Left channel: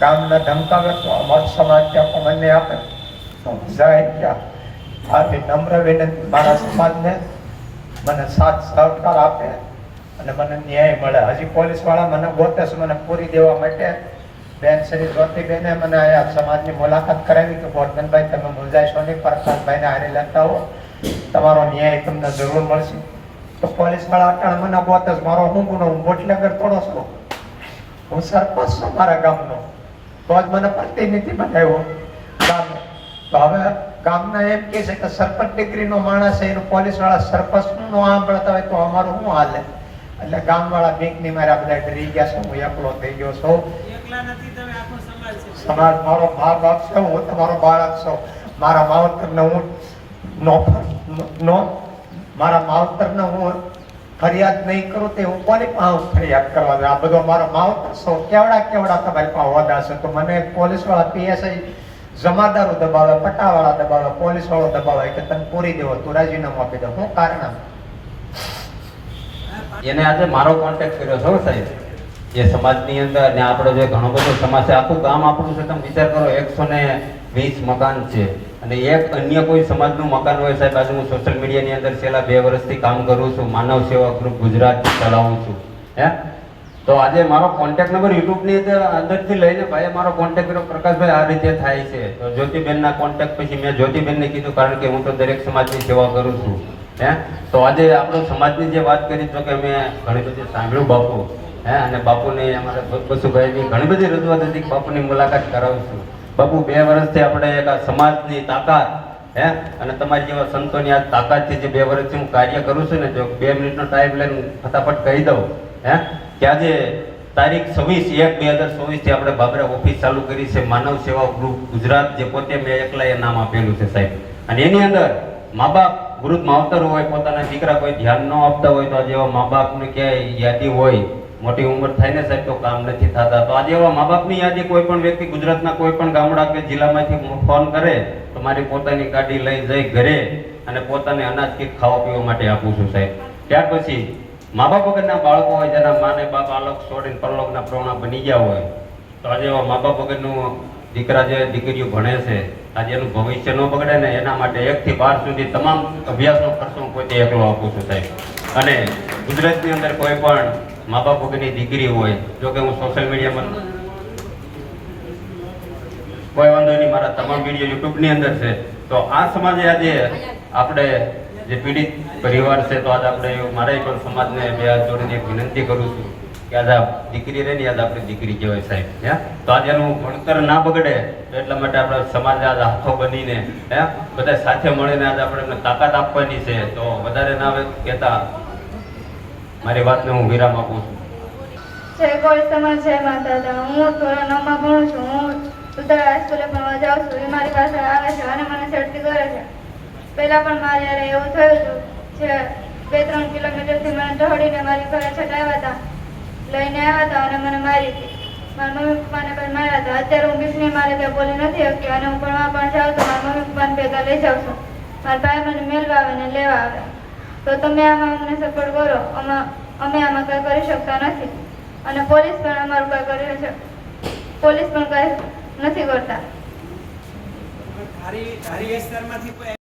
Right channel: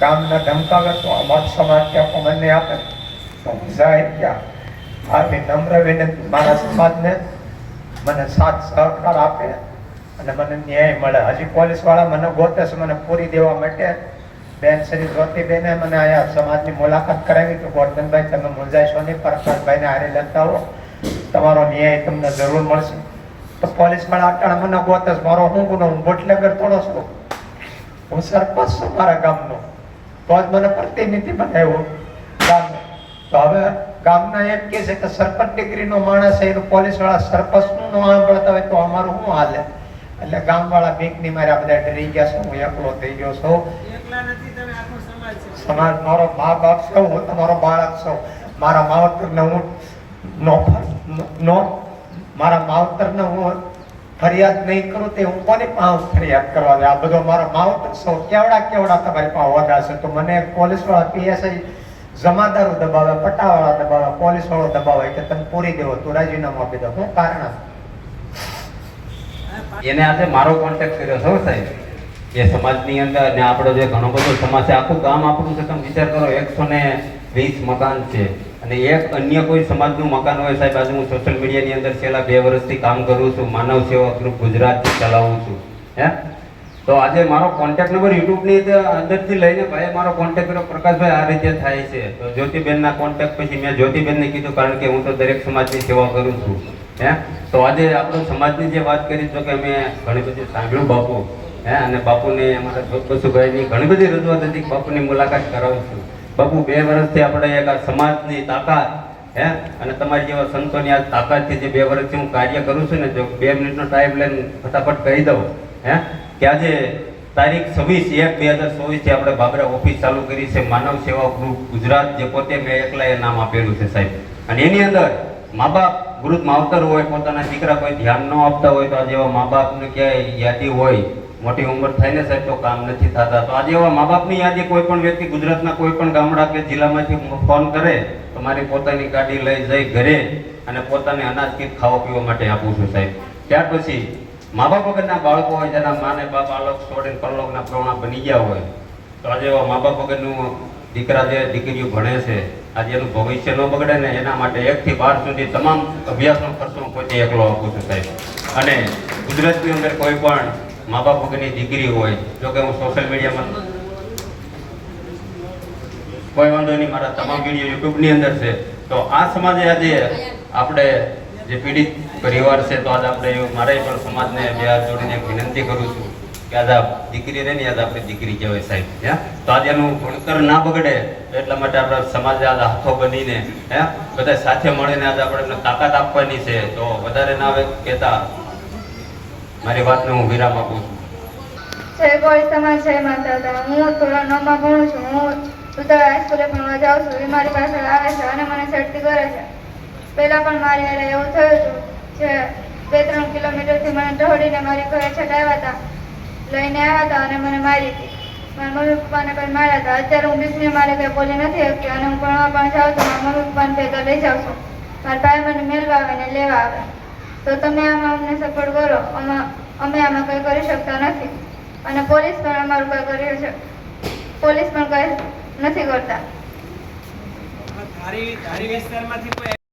ગામના ધમકાવે તો અમારો સમાજ ત્યાં મને આપે જાય ત્યાં મારી નમ્ર વિનંતી મારા સમાજને મને સાથ સહકાર આપે અને મને ન્યાય મળે. હજી પોલીસ વાળા મને ગોતે છે મને પૂરી દેવા માટે. બેન શ્રી જ્યોતિબેને મને અહીંયા સમાજની મુલાકાત કરાવી તો ગોરધનભાઈ તમે મૂંઝાઈશો નહીં, પ્રકાશભાઈને હારી લેતા હો, તમારો ન્યાય તમને જરૂર મળશે. તો પોલીસ વાળા અટાણે મને ગોતે છે. મારો હું ગુનો? હું બોટલેગર થોડો છું, હું સરપંચ છું મારા ગામનો, તો જ મને પ્રતિનિધિ બનાવ્યો ગામનો. તો હવે ગામના એમ કહે છે કે સરપંચ ડિગ્રીનો માણસ છે, એનું પોલીસ વાળા સરપંચનું ન સાંભળતા હોય તો અમારું શું હાલે? એટલે ગામવાળા બીકની મારા બધા ડરી ગયા છે. હું એકલો થઈ ગયો છું. સમાજ મારો મા બાપ છે, હું તમારો બાળક છું. મારા માવતરને હું મારા માવતરને હું ફરિયાદ નહીં કરું તે હું કોની પાસે ફરિયાદ કરવા? આ બધો મારા માવતર છો. કેવડા તમારી પાસે હોદ્દા છે તો મને પોલીસ વાળા પીએસઆઈ જમાદારો દબાવે, પટ્ટાવાળા દબાવે, પોલીસ વાળો દબાવે કે તમે પૂરી દેવો, તું રાજીનામું આપી દો. શું કારણ? એને આજે મારો કોન્ટેક્ટ કર્યો છે સાહેબ એ સમાજની અંદર, ને આપણો જે ઘણો બધો સમાજ છે, આખું ગામ આપણું છે. તમે વિચાર કરો 120 મકાન છે અને એક અન્ય કોઈ સમાજનું મકાન હોય સાહેબ. આજે હું સોશિયલ મીડિયાની અંદર છેલ્લા 2 વર્ષથી કામ કરું છું, માનવ સેવા ગ્રુપ ગુજરાત ચલાવું છું. તો આજે મારો કોન્ટેક્ટ નંબર યુટ્યુબની અંદરથી લઈને ભાઈ મારો કોન્ટેક્ટ કર્યો, પ્રકાશભાઈ આ રીતે થાય છે. તો જ્યોતિબેનના કોન્ટેક્ટ પછી મેં જ્યોતિબેનને કીધું, કારણ કે હું તો દરેક સમાજની સેવા કરું છું. તો આજે આપણો સમાજની જે વાત કરી તો કે અમે ઘણી બધી સાંભળ્યું બાપુ, અને બાપુની અમારા બસુભાઈની ઘણી બધી રજૂઆત હતી, બાપુની મુલાકાત કરાવું છું. બાપુ 2 વર્ષથી આપણે એક આ સમાજની તાકાત અને તમારી જેવા સંતોની આ તાકાતથી જે 2 વર્ષથી હું કાર્ય કરું છું ને, જો 2 મિનિટનો ટાઈમ લઈને ફટાફટ કહી દઉં કે આજે તારીખ 26/1/2024 થી આપણે બાબરા ઓફિસ ચાલુ કરી છે, માનવ સેવા ગ્રુપ ગુજરાત, જે પોતે મેં એકલા એ નામ આપેલું છે સાહેબ. અને એની અંદર મા બાપ વૃદ્ધ માવતર હોય, પોતાના દીકરા કોઈ ધ્યાન ન આપતા હોય, તો આજે એવા મા બાપની ક્યાંય યાદી હોય, મોટી ઉંમર થાય ને સાહેબ તો કામ નથી થતા, તો આજે એવા મા બાપની યાદી કોઈ પણ વ્યક્તિ ગુજરાતના કોઈ પણ ગામડા કે જિલ્લામાંથી ફોન કરે તો મારી પોતાની ગાડી લઈ જઈ ઘરે અને પોતાને અનાજ કીટ ખાવા પીવા માટે આપું છું સાહેબ. ત્યાર પછી મા બાપ વગરના બાળકો હોય, જેના માને બાપ આલોક છોડીને પરલોકના પ્રવણા બની ગયા હોય, તો આજે એવા મા બાપ વગરનું દીકરા જે દીકરીઓ ભણે છે, આજે એનું ભવિષ્ય ન બગડે ને એના માટે 1 થી 12 સુધી તમામ અભ્યાસનો ખર્ચો હું પોતે એકલો આપું છું સાહેબ. અને ગુજરાતની અંદર કોઈ પણ મા બાપ વગરની દીકરી હોય, જો કે હું સોશિયલ મીડિયામાં કોઈ વાંધો નહીં, મારા તમામ વિડીયો યુટ્યુબની અંદર છે. તો આ સમાજે આજે આપણે જે પીડિત પરિવાર છે, તો આજે આપણે મારે પણ સમાજને 2 હાથ જોડીને એક વિનંતી કરું છું કે આજે દીકરી રહે ને યાદ આપણી દીકરી કહેવાય સાહેબ. તો આજે એનું ભણતર ના બગડે એટલા માટે આપણા સમાજ આજે હાથો બનીને બધા સાથે મળીને આજે આપણે તાકાત આપવાની છે. તો વધારે ના કહેતા મારી વાતને હું વિરામ આપું છું. જય કોળી સમાજ, જય માતા. હું ધોરણ 9 માં ભણું છું. હું ઉત્તરા હાઈસ્કૂલે ભણવા જાઉં છું. એ મારી પાસે આવે છે અને મને છેડતી કરે છે. પહેલા પણ મારી યારે એવું થયું હતું જે 2-3 કિલોમીટરથી મને દોડીને મારી ઘરે છટાવ્યા હતા, લઈને આવ્યા હતા અને મને મારી હતી. મારા મમ્મી પપ્પાને પણ માર્યા હતા. અત્યારે હું બીકને મારે કંઈ બોલી નથી શકતી અને હું ભણવા પણ જાઉં છું. મારા મમ્મી પપ્પાને ભેગા લઈ જાઉં છું. મારા ભાઈ મને મેળવા આવે ને લેવા આવે. તો તમે આમાં અમને સપોર્ટ કરો. અમે આમાં કંઈ કરી શકતા નથી અને પોલીસ પણ અમારું કંઈ કરી છે, પોલીસ પણ કંઈ નથી કરતા. ધારી વિસ્તારમાંથી કોઈ